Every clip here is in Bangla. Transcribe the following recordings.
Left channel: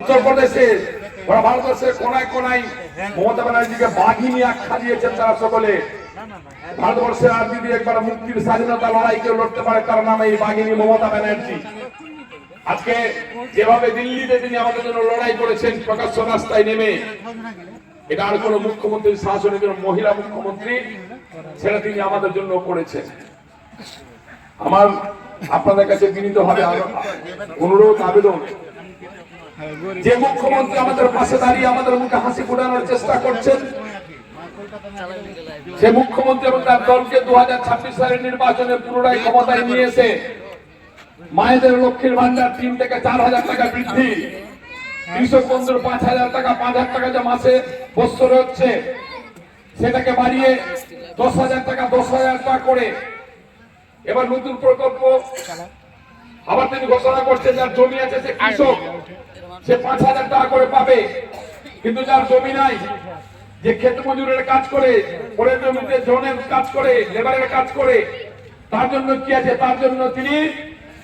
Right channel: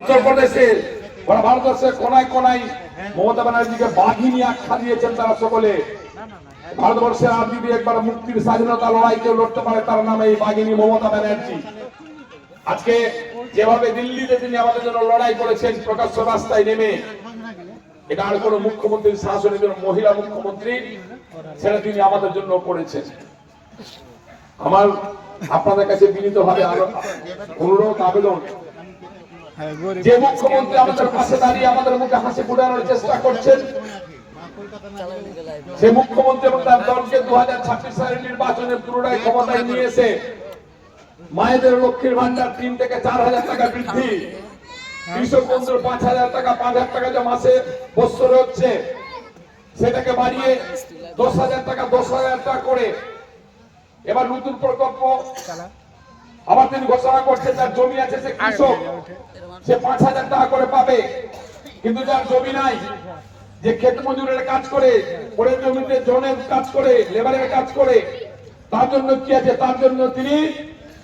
উত্তরপ্রদেশে ওরা ভারতবর্ষের কোনায় কোনায় মমতা ব্যানার্জিকে বাঘিনী আখ্যা দিয়েছেন। তারা সকলে ভারতবর্ষের আর যদি একবার মুক্তির স্বাধীনতা লড়াই কেউ লড়তে পারে তার নাম এই বাঘিনী মমতা ব্যানার্জি। আজকে যেভাবে দিল্লিতে তিনি আমাদের জন্য লড়াই করেছেন প্রকাশ্য রাস্তায় নেমে, এটা আর কোন মুখ্যমন্ত্রীর শাসনের জন্য মহিলা মুখ্যমন্ত্রী সেটা তিনি আমাদের জন্য করেছেন। আমার আপনাদের কাছে বিনীতভাবে অনুরোধ আবেদন, যে মুখ্যমন্ত্রী আমাদের পাশে দাঁড়িয়ে আমাদের মুখে হাসি ফোটানোর চেষ্টা করছেন, সে মুখ্যমন্ত্রী এবং তার দলকে 2026 সালের নির্বাচনে পুনরায় ক্ষমতায় নিয়ে এসে মায়েদের লক্ষ্মীর ভান্ডার 3 থেকে 4,000 টাকা বৃদ্ধি, কৃষক বন্ধুর 5,000 টাকা 5,000 টাকা যে মাসে বছরে হচ্ছে সেটাকে বাড়িয়ে 10,000 টাকা 10,000 টাকা করে এবার নতুন প্রকল্প আবার তিনি ঘোষণা করছেন যার জমি আছে সে কৃষক সে 5,000 টাকা করে পাবে, কিন্তু যার জমি নাই, যে ক্ষেত মজুরের কাজ করে, পরের জমিতে জনের কাজ করে, লেবারের কাজ করে, তার জন্য কি আছে? তার জন্য তিনি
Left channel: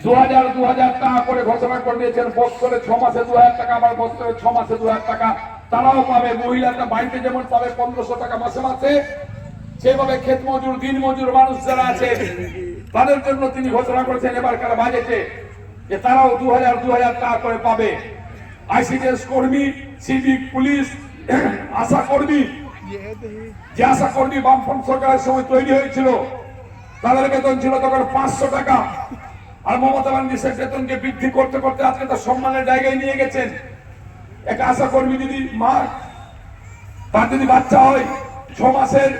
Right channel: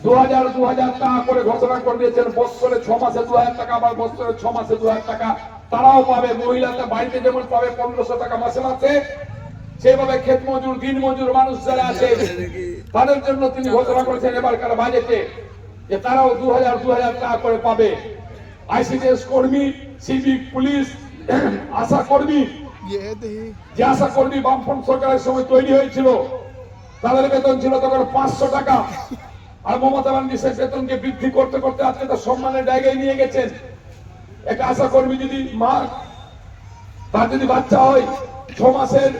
2,000 টাকা করে ঘোষণা করে দিয়েছেন। বছরে 6 মাসে 2,000 টাকা, আবার বছরে 6 মাসে 2,000 টাকা তারাও পাবে। মহিলাদের বাড়িতে যেমন পাবে 1,500 টাকা মাসে মাসে, সেভাবে ক্ষেত মজুর দিন মজুর মানুষ যারা আছে তাদের জন্য তিনি ঘোষণা করেছেন এবারকার বাজেটে যে তারাও 2,000 টাকা করে পাবে। আইসিডিএস কর্মী, সিভিক, পুলিশ, আশা কর্মী, যে আশা কর্মী বামফ্রন্ট সরকারের সময় তৈরি হয়েছিল তাদের বেতন ছিল তখন 500 টাকা, আর মমতা ব্যানার্জি সেই বেতনকে বৃদ্ধি করতে করতে আজকে তার সম্মানের জায়গায় নিয়ে গেছেন। একটা আশা কর্মী যদি মা তার যদি বাচ্চা হয় 6 মাসের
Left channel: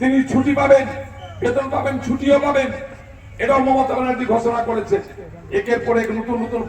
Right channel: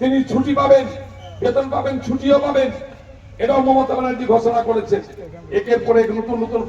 তিনি ছুটি পাবেন, বেতন পাবেন, ছুটিও পাবেন। এটাও মমতা ব্যানার্জি ঘোষণা করেছেন। একের পর এক নতুন নতুন